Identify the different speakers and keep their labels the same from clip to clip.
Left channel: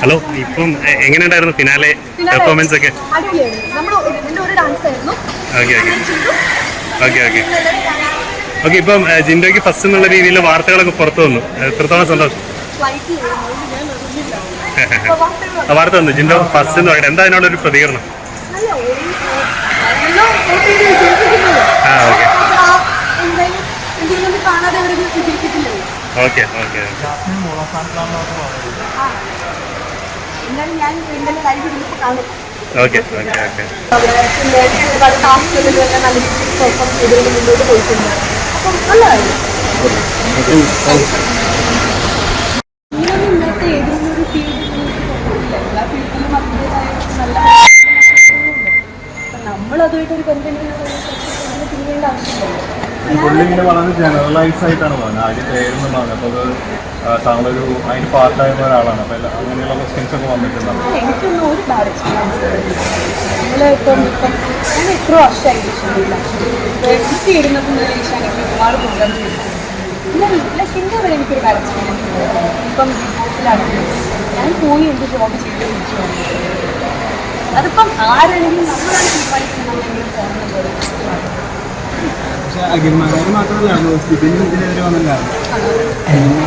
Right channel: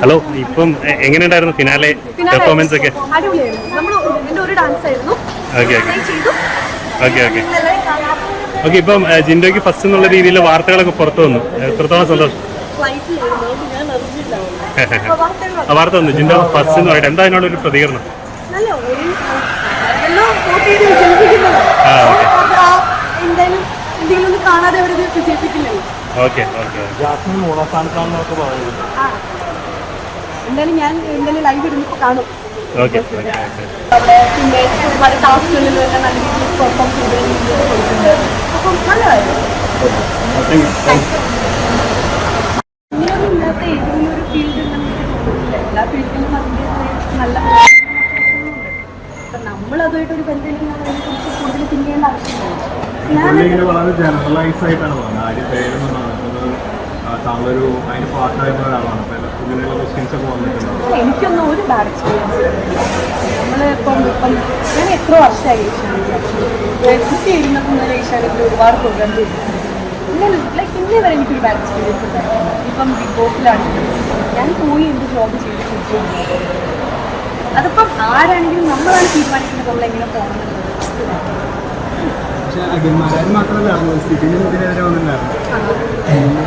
Speaker 1: Hello ഇപ്പം എങ്ങനെയുണ്ടായിരുന്നു finale performance ഒക്കെ? Okay okay okay okay okay ഇപ്പം ജിൻഡോയ്ക്ക് ഫസ്റ്റ് എന്നുള്ള രീതിയിൽ വാർത്തകളൊക്കെ പുറത്തു വന്നു. എത്രത്തോളം സന്തോഷം? വാർത്ത വന്നു. ജിൻഡോ ഫസ്റ്റ് എന്ന് പറയട്ടെ എന്താ അതിനോടൊരു പ്രതികരണം? ആ, ഓക്കേ.
Speaker 2: എന്തെങ്കിലും കാണാതെ അവർ വിജയിപ്പിക്കില്ലല്ലോ. എന്തായാലും ഞാൻ എന്തായാലും ലൈവ് ഇരുന്നിപ്പോ കാണും. അവിടെ പിന്നെ ഒരുപാട് ടാസ്കുകളിൽ എല്ലാം നല്ല രീതിയിൽ പെർഫോം ചെയ്തതിന് മുന്നോട്ട് പോയിട്ടുണ്ട്. അപ്പം നല്ലതായിരുന്നു. ഇങ്ങനെയൊന്നും ഇല്ലാത്ത ഏതെങ്കിലും ഒരു ഫീൽഡ് ഉണ്ടെന്ന് എനിക്ക് തോന്നുന്നില്ല. എല്ലാ ഫീൽഡിലും അതിന്റെതായ നല്ല ഉണ്ട്. അപ്പം നമ്മളതുമായിട്ടൊരു ബന്ധം അതിനെക്കുറിച്ച് കൂടുതൽ തിരിയേണ്ട ആവശ്യമില്ലല്ലോ
Speaker 3: പുള്ളിങ്ങനെ വളരെ ജനറലൈസ് ആയിട്ടാണ് പറഞ്ഞത്. ആദ്യം പേരെന്ന് പറഞ്ഞത്. അപ്പോൾ അത് ആ, താങ്കളൊരു അതിന് പാർട്ടായിരുന്ന ഒരാളാണ്. അപ്പോൾ എല്ലാ- അങ്ങനെയുള്ള ക്വസ്റ്റ്യൻസ് ഒക്കെ വന്നിട്ടുണ്ടാവും.
Speaker 2: എനിക്കൊന്നും ഒരു ബാഡ് എക്സ്പീരിയൻസ് നമ്മളിപ്പം ഇപ്പം ഞാൻ എത്ര വർഷമായി ഏഷ്യാനെറ്റിൽ കുട്ടി ഇരുന്നപ്പോൾ മുതൽ ഏഷ്യാനെറ്റിൽ ഒരുപാട് പ്രോഗ്രാം ചെയ്തിട്ടുണ്ട്. പിന്നെ ലൈക്ക് ഇന്നേ വരെ എനിക്കൊരു ബാഡ് എക്സ്പീരിയൻസ് ഉണ്ടായിരുന്നു ഇപ്പം ബിഗ് ബോസിലാണെങ്കിലും ഞാൻ പോയി എന്റെ ജോബ് ചെയ്ത് തിരിച്ചു വന്നിട്ടുണ്ട് അതിപ്പം ആരാണെങ്കിലും നമ്മളാണ് തീരുമാനിക്കുന്നത് നമ്മൾ എങ്ങനെ പോകണം എന്നുള്ളത്.
Speaker 3: പക്ഷേ അഖിൽമാരാർ മാത്രമല്ല സ്ഥിതിനും ഇതിനെതിരെ
Speaker 2: ആണോ?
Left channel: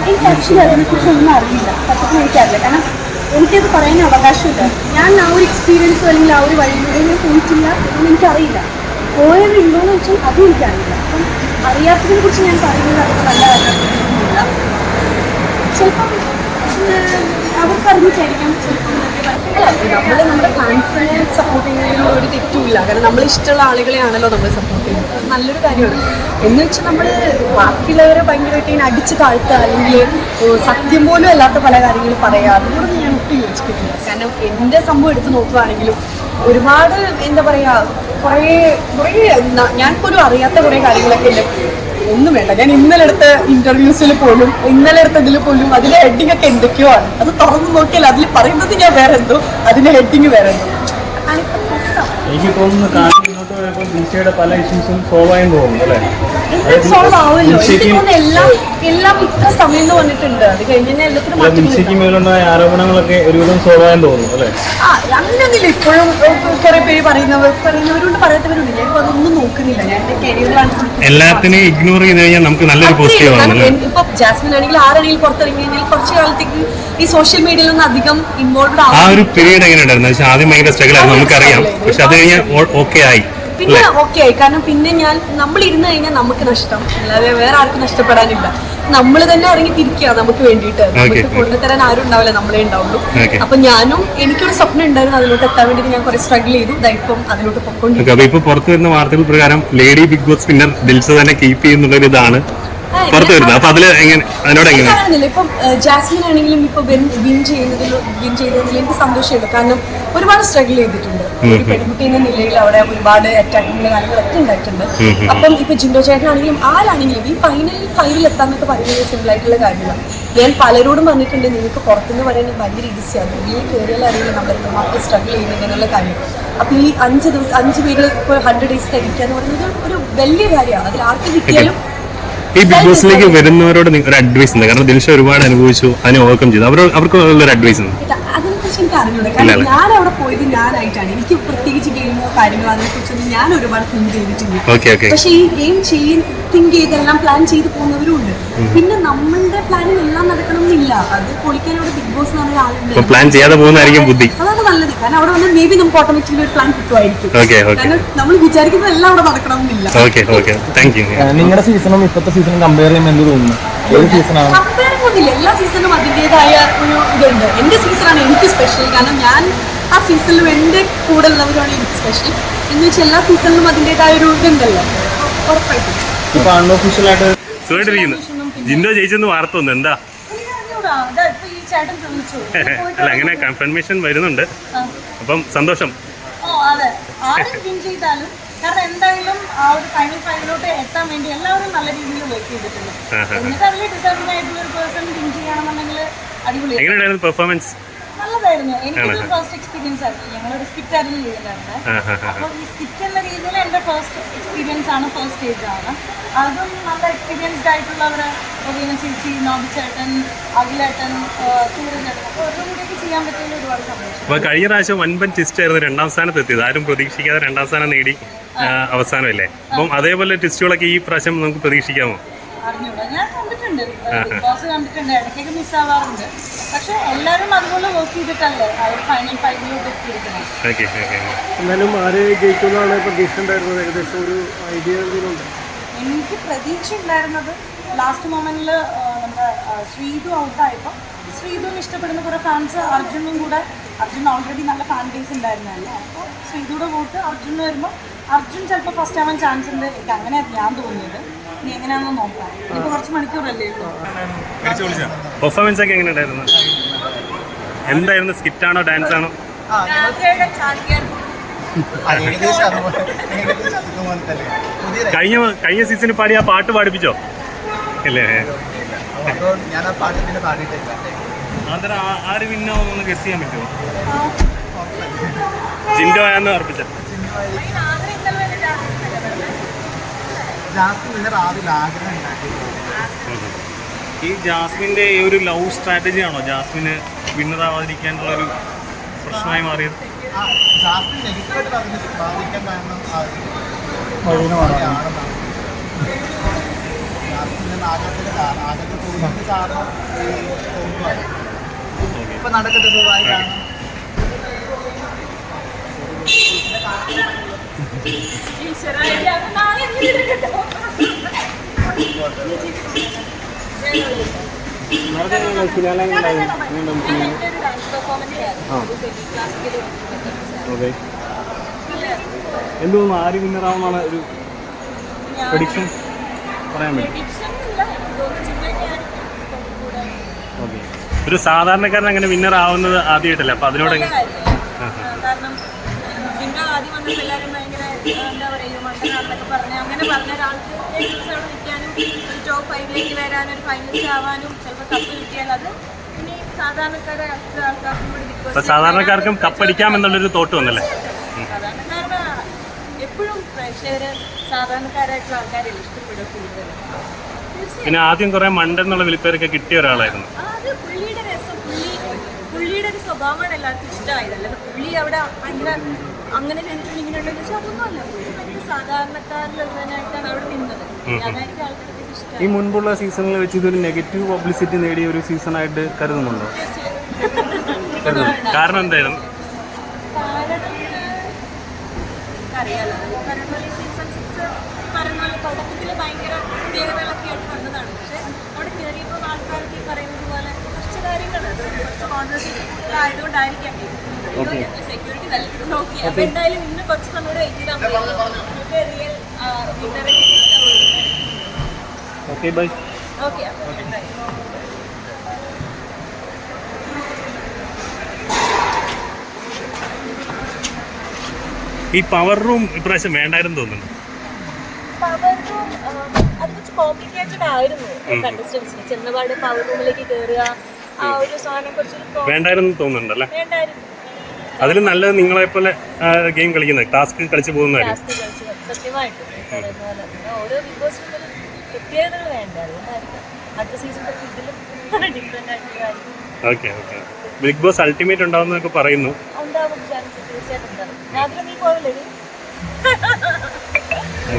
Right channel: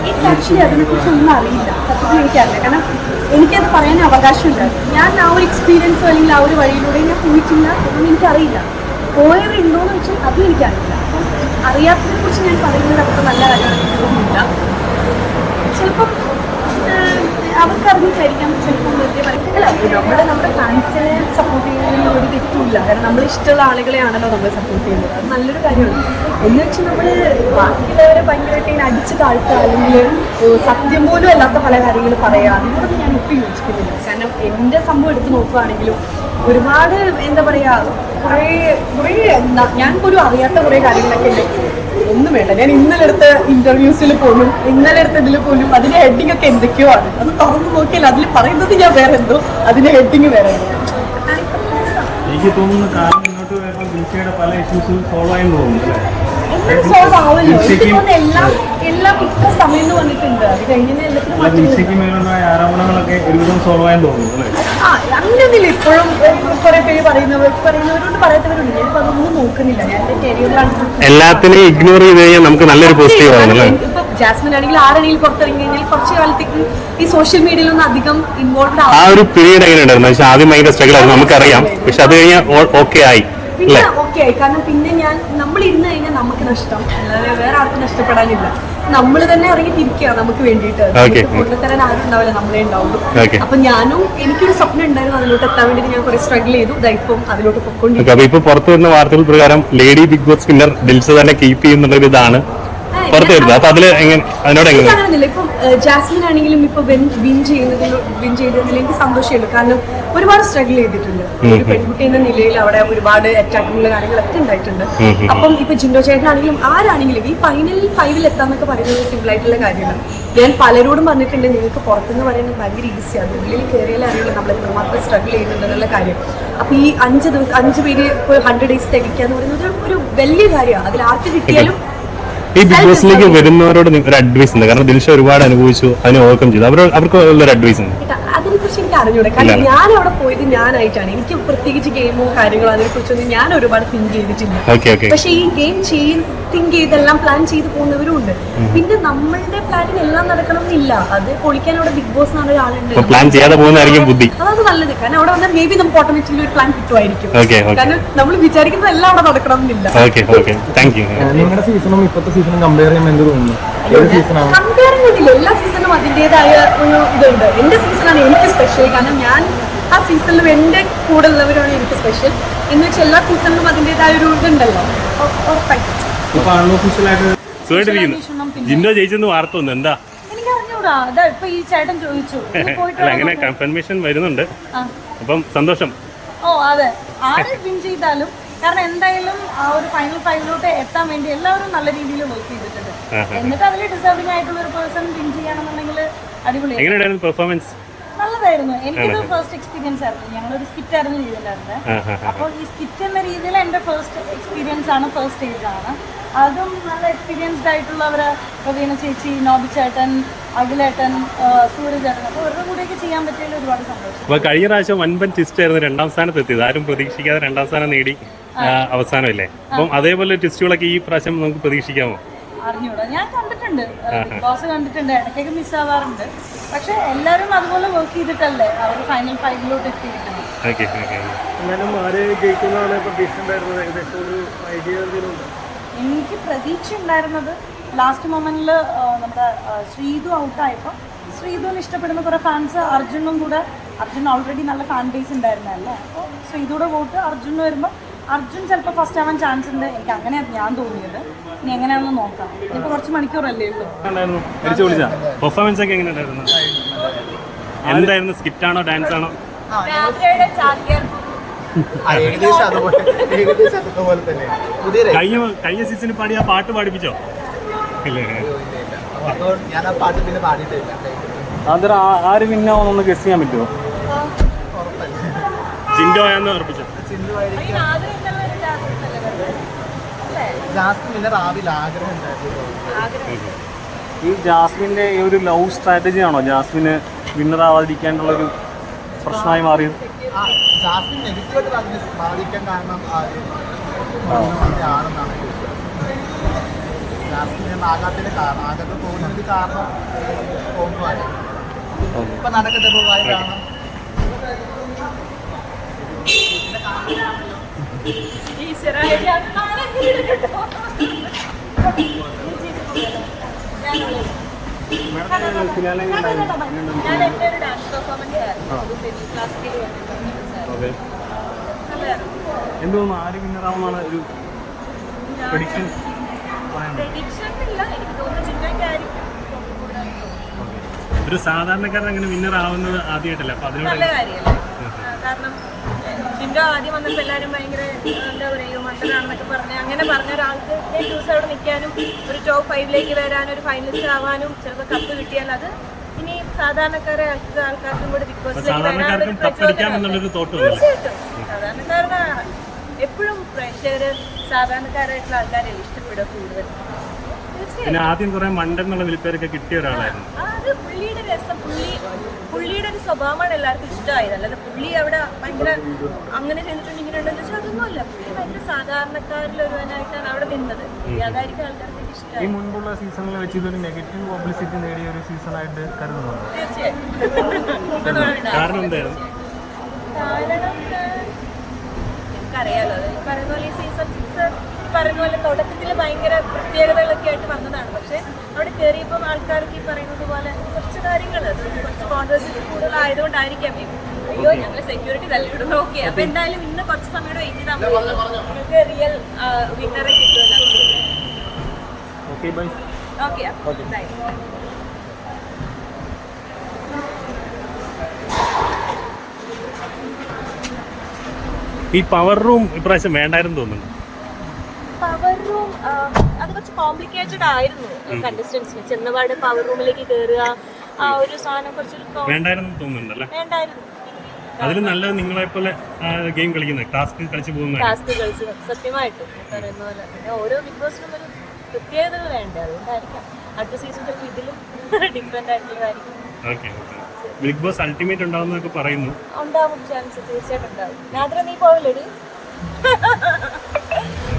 Speaker 2: എനിക്ക് ആക്ച്വലി അതിനെക്കുറിച്ച് ഒന്നും അറിയില്ല. സത്യത്തിൽ എനിക്കറിയില്ല കാരണം എനിക്കത് പറയാൻ അവകാശമില്ല. ഞാൻ ആ ഒരു എക്സ്പീരിയൻസ് അല്ലെങ്കിൽ ആ ഒരു വഴിയിലൂടെ ഞാൻ പോയിട്ടില്ല എന്നൊന്നും എനിക്കറിയില്ല. പോയവരുണ്ടോയെന്ന് വെച്ചാൽ അതും എനിക്കറിയില്ല. അപ്പം അറിയാത്തതിനെ കുറിച്ച് ഞാൻ പറയുന്നത് അത്ര നല്ല തോന്നുന്നില്ല ചിലപ്പം അവർക്ക് അറിഞ്ഞിട്ടായിരിക്കാം ചിലപ്പം. നമ്മൾ നമ്മുടെ ഫാൻസിനെ സപ്പോർട്ട് ചെയ്യുന്നതിനോട് ഒരു തെറ്റുമില്ല. കാരണം നമ്മൾ ഇഷ്ടമുള്ള ആളുകളെയാണല്ലോ നമ്മൾ സപ്പോർട്ട് ചെയ്യുന്നത്. അത് നല്ലൊരു കാര്യമാണ്. എന്ന് വെച്ചാൽ നമ്മൾ ബാക്കിയുള്ളവരെ ഭയങ്കരമായിട്ട് ഇങ്ങനെ അടിച്ച് താഴ്ത്തുക അല്ലെങ്കിൽ സത്യം പോലും അല്ലാത്ത പല കാര്യങ്ങൾ പറയുക അതിനോടൊന്നും ഞാൻ ഒട്ടും യോജിക്കുന്നില്ല. കാരണം എന്റെ സംഭവം എടുത്ത് നോക്കുകയാണെങ്കിലും ഒരുപാട് എന്താ പറയുക കുറേ കുറേ ഞാൻ പോലും അറിയാത്ത കുറേ കാര്യങ്ങളൊക്കെ എന്റെ ഒന്നും വേണ്ട. ഞാൻ ഇന്നലെ എടുത്ത ഇന്റർവ്യൂസിൽ പോലും ഇന്നലെ എടുത്തതിൽ പോലും അതിന്റെ ഹെഡിങ് ഒക്കെ എന്തൊക്കെയോ ആണ്. അത് തുറന്നു നോക്കിയാൽ അതിൽ പറയുന്നത് ഞാൻ വേറെ എന്തോ അതിന്റെ ഹെഡിങ് വേറെ എന്തോ.
Speaker 3: എനിക്ക് തോന്നുന്നു പല ഇഷ്യൂസും സോൾവ് ആയെന്ന് തോന്നുന്നു അല്ലേ
Speaker 2: എല്ലാം സോൾവ് എനിക്ക് തോന്നുന്നു എല്ലാം എല്ലാം ഇത്ര സമയം എന്ന് പറഞ്ഞിട്ടുണ്ട് അത് എല്ലാത്തിനും ആ അങ്ങനെയൊന്നുമില്ല. ഇപ്പോഴും കുറെ പേര് പറയുന്നവർ പറയുന്നവരുണ്ട് പറയാത്തവരുണ്ട്. ഞാനിപ്പോ അതൊന്നും നോക്കുന്നില്ല. ഞാൻ എന്റെ കരിയറിലാണ്
Speaker 1: എല്ലാത്തിനെയും ഇഗ്നോർ ചെയ്ത് കഴിഞ്ഞാൽ നമുക്ക് നല്ലൊരു പോസിറ്റീവ്
Speaker 2: ഇപ്പൊ ജാസ്മിൻ ആണെങ്കിൽ ആരാണെങ്കിലും പുറത്തിറങ്ങി കഴിഞ്ഞാൽ കുറച്ച് കാലത്തേക്ക് ഈ സോഷ്യൽ മീഡിയയിൽ ഒന്നും അധികം ഇൻവോൾവ്
Speaker 1: ആ ഒരു പീരീഡ് എങ്ങനെയുണ്ടായിരുന്നു? പക്ഷെ ആദ്യം ഭയങ്കര സ്ട്രഗിൾ ആയിരുന്നു. നമുക്കറിയാം. പക്ഷെ അത് കഴിഞ്ഞാൽ ഓക്കെ ആയി.
Speaker 2: പിന്നെ ഓക്കെ ആയി കാരണം പിന്നെ ഞാൻ നമ്മൾ ഇരുന്ന് കഴിഞ്ഞാൽ നമുക്ക് നഷ്ടം. അല്ലാതെ വേറെ ആർക്കും നഷ്ടപ്പെടാനില്ല. നമ്മൾ തന്നെ ഇറങ്ങി തിരിക്കുക നമുക്ക് വേണ്ടിയിട്ട്. നമുക്ക് കൊണ്ടുതരാൻ ആരും ഉണ്ടാവില്ല നമ്മളെ ഉണ്ടാവുള്ളൂ. അപ്പൊ ഞാനും എനിക്കൊരു സ്വപ്നം ഉണ്ടായിരുന്നു അതിലോട്ട് എത്താൻ വേണ്ടി ഞാൻ കുറെ സ്ട്രഗിൾ ചെയ്തു. ഇപ്പം അതിലോട്ട് പൊക്കോണ്ടിരിക്കും
Speaker 1: അപ്പൊ ഇപ്പൊ പുറത്തു വരുന്ന വാർത്തകൾ പ്രകാരം lady big boss spinner Dilsa തന്നെ കീപ്പ് ചെയ്യുന്നുള്ള ഒരു ഇതാണ് പുറത്തു വരുന്നത്. അപ്പൊ അതിൽ എങ്ങനെ അതിനോട് എങ്ങനെ?
Speaker 2: അങ്ങനെയൊന്നുമില്ല ഇപ്പം ജാസ്മിൻ ആണെങ്കിലും ഇപ്പൊ വിൻ ചെയ്യുന്നതിൽ വിൻ ചെയ്തതിൽ എനിക്ക് സന്തോഷമുണ്ട്. കാരണം ഒരുപാട് സ്ട്രഗിൾ ചെയ്തിട്ടുണ്ട്. ഒരു പെൺകുട്ടി എന്ന നിലയിൽ അവിടെ ഒരുപാട് അറ്റാക്കിങ്ങുള്ള കാര്യങ്ങളൊക്കെ ഉണ്ടായിട്ടുണ്ട്. അപ്പം ഇപ്പൊ ജിൻഡോ ചേട്ടനാണെങ്കിലും ആരാണെങ്കിലും ഈ ഫൈനൽ ഫൈവിൽ എത്താന്നൊക്കെ പറയുന്നത് സിമ്പിൾ ആയിട്ടുള്ള കാര്യമാണ് ഞാൻ പലരോടും പറഞ്ഞിട്ടുണ്ട് നിങ്ങൾക്ക് പുറത്തുനിന്ന് പറയുന്നത് ഭയങ്കര ഈസിയാണ് ഉള്ളിൽ കയറിയാൽ അറിയുള്ളൂ നമ്മൾ എത്രമാത്രം സ്ട്രഗിൾ ചെയ്യുന്നുണ്ടെന്നുള്ള കാര്യം. അപ്പൊ ഈ അഞ്ച് ദിവസം അഞ്ച് പേര് ഇപ്പോൾ ഹൺഡ്രഡ് ഡേയ്സ് തികയ്ക്കുക എന്ന് പറയുന്നത് ഒരു വലിയ കാര്യമാണ്. അതിൽ ആർക്ക് കിട്ടിയാലും
Speaker 1: ഈ ബിഗ് ബോസിലേക്ക് വരുന്നവരോട് നിങ്ങൾക്ക് ഒരു അഡ്വൈസ് ഉണ്ട്? കാരണം ദിൽഷ ഒരുപാട് അനുഭവിച്ചു അതിനെ ഓവർകം ചെയ്തു. അവരോട് അവർക്ക് ഉള്ളൊരു അഡ്വൈസ് ഉണ്ട്?
Speaker 2: എനിക്ക് അറിഞ്ഞൂടെ. കാരണം ഞാൻ അവിടെ പോയത് ഞാനായിട്ടാണ്. എനിക്ക് പ്രത്യേകിച്ച് ഗെയിമോ കാര്യങ്ങളോ അതിനെക്കുറിച്ചൊന്നും ഞാൻ ഒരുപാട് തിങ്ക് ചെയ്തിട്ടില്ല.
Speaker 1: ഓക്കെ ഓക്കെ
Speaker 2: പക്ഷെ ഈ ഗെയിം ചെയ്യും തിങ്ക് ചെയ്തെല്ലാം പ്ലാൻ ചെയ്ത് പോകുന്നവരും ഉണ്ട്. പിന്നെ നമ്മളുടെ പ്ലാനിൽ എല്ലാം നടക്കണം എന്നില്ല അത് പൊളിക്കാൻ അവിടെ ബിഗ് ബോസ് എന്ന് പറഞ്ഞ ഒരാളുണ്ട്.
Speaker 1: പ്ലാൻ ചെയ്യാതെ പോകുന്നതായിരിക്കും ബുദ്ധി.
Speaker 2: അതാണ് നല്ലത്. കാരണം അവിടെ വന്നാൽ മേ ബി നമുക്ക് ഓട്ടോമാറ്റിക്കലി ഒരു പ്ലാൻ കിട്ടുമായിരിക്കും. കാരണം നമ്മൾ വിചാരിക്കുന്നത് എല്ലാം അവിടെ നടക്കണം എന്നില്ല
Speaker 3: നിങ്ങളുടെ സീസണും ഇപ്പോഴത്തെ സീസണും കമ്പയർ ചെയ്യുന്ന എന്ത് തോന്നുന്നു ഏത്
Speaker 2: കൊണ്ടില്ല എല്ലാ സീസണും അതിന്റെതായ ഒരു ഇതുണ്ട്. എന്റെ സീസണാണ് എനിക്ക് സ്പെഷ്യൽ കാരണം ഞാൻ ആ സീസണിലും എന്റെ കൂടെ ഉള്ളവരാണ് എനിക്ക് സ്പെഷ്യൽ എന്ന് വെച്ചാൽ എല്ലാ സീസണിലും അതിന്റെതായ ഒരു ഇതുണ്ടല്ലോ. ഉറപ്പായിട്ടും.
Speaker 1: ജിൻഡോ ജയിച്ചെന്ന് വാർത്ത വന്നു. എന്താ?
Speaker 2: എനിക്ക് ഇപ്പൊ ഈ ചേട്ടൻ ചോദിച്ചു.
Speaker 1: അല്ല അങ്ങനെ കൺഫർമേഷൻ വരുന്നുണ്ട്. അപ്പം സന്തോഷം.
Speaker 4: ഓ അതെ. ആരും വിൻ ചെയ്താലും കാരണം എന്തായാലും ആ ഒരു ഫൈനൽ ഫൈവിലോട്ട് എത്താൻ വേണ്ടി എല്ലാവരും നല്ല രീതിയിൽ വർക്ക് ചെയ്തിട്ടുണ്ട്. എന്നിട്ട് അതിൽ ഡിസേർവിംഗ് ആയിട്ടുള്ള ഒരു പേഴ്സൺ വിൻ ചെയ്യണമെന്നുണ്ടെങ്കിൽ
Speaker 1: അടിപൊളിയായിരുന്നു പെർഫോമൻസ്
Speaker 4: നല്ലതായിരുന്നു. എനിക്കിത് ഫസ്റ്റ് എക്സ്പീരിയൻസ് ആയിരുന്നു. ഞങ്ങളൊരു സ്കിറ്റ് ആയിരുന്നു ചെയ്തിട്ടുണ്ടായിരുന്നത് അപ്പോൾ ഈ സ്കിറ്റ് എന്ന രീതിയിൽ എന്റെ ഫസ്റ്റ് എക്സ്പീരിയൻസ് ആണ് ഫസ്റ്റ് സ്റ്റേജ് ആണ്. അതും നല്ല എക്സ്പീരിയൻസ്ഡ് ആയിട്ടുള്ളവർ ചേച്ചി നോബി ചേട്ടൻ അഖിലേട്ടൻ സൂര്യചേട്ടൻ അപ്പോൾ അവരുടെ കൂടെയൊക്കെ ചെയ്യാൻ പറ്റിയതിൽ ഒരുപാട് സന്തോഷം.
Speaker 1: അപ്പൊ കഴിഞ്ഞ പ്രാവശ്യം വൻപൻ ട്വിസ്റ്റ് ആയിരുന്നു രണ്ടാം സ്ഥാനത്ത് എത്തിയത്. ആരും പ്രതീക്ഷിക്കാതെ രണ്ടാം സ്ഥാനം നേടി അവസാനം അവസാനമല്ലേ? അപ്പം അതേപോലെ ട്വിസ്റ്റുകളൊക്കെ ഈ പ്രാവശ്യം നമുക്ക് പ്രതീക്ഷിക്കാമോ?
Speaker 4: അറിഞ്ഞൂടാ. ഞാൻ കണ്ടിട്ടുണ്ട്. ബിഗ് ബോസ് കണ്ടിട്ടുണ്ട്. ഇടയ്ക്കൊക്കെ മിസ്സാവാറുണ്ട് പക്ഷെ എല്ലാവരും അതുപോലെ വർക്ക് ചെയ്തിട്ടല്ലേ അവർ ഫൈനൽ ഫൈവിലോട്ട് എത്തിയിരിക്കണം എനിക്ക് പ്രതീക്ഷ ഉണ്ടായിരുന്നത് ലാസ്റ്റ് മൊമെന്റിൽ നമ്മുടെ ശ്രീതു ഔട്ടായപ്പോൾ ശ്രീതുവിന് ഇഷ്ടപ്പെടുന്ന കുറേ ഫാൻസ് അർജുനും കൂടെ അർജുൻ ഓൾറെഡി നല്ല ഫാൻ ബേസ് ഉണ്ടായിരുന്നല്ലേ അപ്പോൾ ശ്രീതുടെ വോട്ട് അർജുന് വരുമ്പോൾ അർജുൻ ചിലപ്പോൾ ഫസ്റ്റ് ആവാൻ ചാൻസ് ഉണ്ട്. എനിക്ക് അങ്ങനെയാണ് ഞാൻ തോന്നിയത്. ഇനി എങ്ങനെയാണെന്ന് നോക്കാം. ഇനിയിപ്പോൾ കുറച്ച് മണിക്കൂറല്ലേ ഉള്ളൂ.
Speaker 1: പെർഫോമൻസ് ഒക്കെ എങ്ങനെ ഉണ്ടായിരുന്നു? എന്തായിരുന്നു? സ്കിറ്റാണോ ഡാൻസ് ആണോ?
Speaker 5: ആ, ഏകദേശം അതുപോലെ ഏകദേശം അതുപോലെ തന്നെ.
Speaker 1: കഴിഞ്ഞ കഴിഞ്ഞ സീസണിൽ പാടി ആ പാട്ട് പാടിപ്പിച്ചോ? ഇല്ലേ?
Speaker 5: അതോ ഞാൻ ആ പാട്ട് പിന്നെ പാടിയിട്ടില്ല
Speaker 1: അത് ആര് വിന്നാവുന്നൊന്ന് ഗസ് ചെയ്യാൻ പറ്റുമോ ജിൻഡോ എന്ന് ഉറപ്പിച്ച
Speaker 5: ജാസ്മിൻ പിന്നെ രാവിലെ ആഗ്രഹം ഉണ്ടാക്കിയിട്ടുള്ളൂ
Speaker 1: ഈ ജാസ്മിന്റെ ഈ ഒരു ലവ് സ്ട്രാറ്റജി ആണോ ജാസ്മിന് വിന്നറാവാതിരിക്കാനുള്ള ഒരു പ്രശ്നമായി മാറിയത്
Speaker 5: ആ ജാസ്മിൻ നെഗറ്റീവായിട്ട് ബാധിക്കാൻ കാരണം ആണെന്നാണ് ജാസ്മിനെ ആകാത്തതിന്റെ കാരണം ആകത്ത് തോന്നുന്നത് കാരണം ഈ ഇപ്പൊ നടക്കട്ടെ പോവായി കാരണം
Speaker 4: ക്ലാസിക്കൽ
Speaker 1: എന്ത് ആര് വിന്നറാവുന്ന ഒരു പ്രഡിക്ഷൻ ഒരു സാധാരണക്കാരൻ അങ്ങനെ വിന്നർ ആവുന്നത് ആദ്യമായിട്ടല്ല? അപ്പൊ അതിനോട്
Speaker 4: കാരണം ജിൻഡോ ആദ്യം എല്ലാവരും ഭയങ്കര ആ, എന്താ പറയുക മണ്ടനാണെന്നൊക്കെ പറഞ്ഞ് അങ്ങനെ പറഞ്ഞ ഒരാൾക്ക് ഏഴ് ദിവസം അവിടെ നിൽക്കാനും ഒരു ടോപ്പ് ഫൈവിലേക്ക് വരാനും ഒരു ഫൈനലിസ്റ്റ് ആവാനും ചിലപ്പോൾ കപ്പ് കിട്ടിയാൽ അത് ഇനി സാധാരണക്കാരെ ആൾക്കാർക്കും കൂടി
Speaker 1: സാധാരണക്കാർക്കും കപ്പടിക്കാം എന്നുള്ളൊരു തോട്ട് വന്നല്ലേ?
Speaker 4: സാധാരണക്കാരുടെ എപ്പോഴും പ്രേക്ഷകര് സാധാരണക്കാരായിട്ടുള്ള ആൾക്കാരെ ഇഷ്ടപ്പെടുക കൂടുതൽ
Speaker 1: പിന്നെ ആദ്യം കുറെ മണ്ടെന്നുള്ള വിളിപ്പേരൊക്കെ കിട്ടിയ ഒരാളായിരുന്നു.
Speaker 4: അത് പുള്ളിയുടെ രസം. പുള്ളി പുള്ളിയുടെ ഒരു സ്വഭാവമാണ് എല്ലാവർക്കും ഇഷ്ടമായത്. അല്ലാതെ പുള്ളി അവിടെ ഭയങ്കര അങ്ങനെ ചെയ്തിട്ടുണ്ട് ഇങ്ങനെ ഉണ്ടെന്ന് വെച്ചാൽ അതൊന്നും അല്ല. പുള്ളി ഭയങ്കര സാധാരണക്കാരിലൊരുവനായിട്ടാണ് അവിടെ നിന്നത്. അതായിരിക്കും ആൾക്കാർക്ക്
Speaker 1: ഈ മുൻപുള്ള സീസണിൽ വെച്ച് ഇതൊരു നെഗറ്റീവ് പബ്ലിസിറ്റി നേടിയ ഒരു സീസണായിട്ട് കരുതുന്നുണ്ട്?
Speaker 4: തീർച്ചയായും.
Speaker 1: കാരണം എന്തായിരുന്നു?
Speaker 4: കാരണം ഏഹ്, എനിക്കറിയാലോ ഈ പറയുന്ന പോലെ ഈ സീസൺ സിക്സ് പറയുന്ന പോലെ തുടക്കത്തിൽ ഭയങ്കര പ്രത്യേകതകളൊക്കെ ആയിട്ട് വന്നതാണ്. പക്ഷേ അവിടെ കയറിയപ്പോൾ ആൾക്കാർക്ക് ഈ പറയുന്നത് പോലെ കുറച്ച് കാര്യങ്ങൾ അത് കുറച്ച് കോൺട്രവേഴ്സീസ് കൂടുതലായതുകൊണ്ടായിരിക്കാം. അയ്യോ ഞങ്ങൾ സെക്യൂരിറ്റി തല്ലിടുന്നു ഓക്കെ അപ്പൊ എന്തായാലും ഇന്ന് കുറച്ച് സമയം വെയിറ്റ് ചെയ്താൽ മതി. നിങ്ങൾക്ക് റിയൽ വിന്നറെ കിട്ടുമല്ലോ
Speaker 1: ഓക്കെ ബൈ
Speaker 4: ഓക്കെ ബൈ
Speaker 1: ഈ പവർ റൂം ഇപ്രാവശ്യം വേണ്ടായിരുന്നു തോന്നുന്നു.
Speaker 4: പവർ റൂം അത് കുറച്ച് കോംപ്ലിക്കേറ്റഡ് ആയിരുന്നു കണ്ടസ്റ്റൻസിന് ചെന്നപാട് പവർ റൂമിലേക്ക് കയറുക ആ ഒരു സാധനം കുറച്ചൊരു
Speaker 1: വേണ്ടായിരുന്നു തോന്നുന്നുണ്ടല്ലേ?
Speaker 4: വേണ്ടായിരുന്നു.
Speaker 1: അതിൽ നല്ലത് നിങ്ങളെ പോലെ ഗെയിം കളിക്കുന്നത് ടാസ്ക് കളിച്ചു പോകുന്ന
Speaker 4: ടാസ്ക് കളിച്ച് സത്യമായിട്ടും. ഈ പറയുന്ന പോലെ. ഓരോ ബിഗ് ബോസിനും ഒരു പ്രത്യേകതകൾ വേണ്ട? അതുകൊണ്ടായിരിക്കാം. അടുത്ത സീസൺ ഇതിലും different ആയിട്ടുള്ളതായിരിക്കും.
Speaker 1: Okay okay big boss ultimate ഉണ്ടാവുന്നൊക്കെ പറയുന്നു.
Speaker 4: ഉണ്ടാവും ചാൻസ് തീർച്ചയായിട്ടും ഉണ്ടാവും. രാത്രി നീ പോവില്ലടി.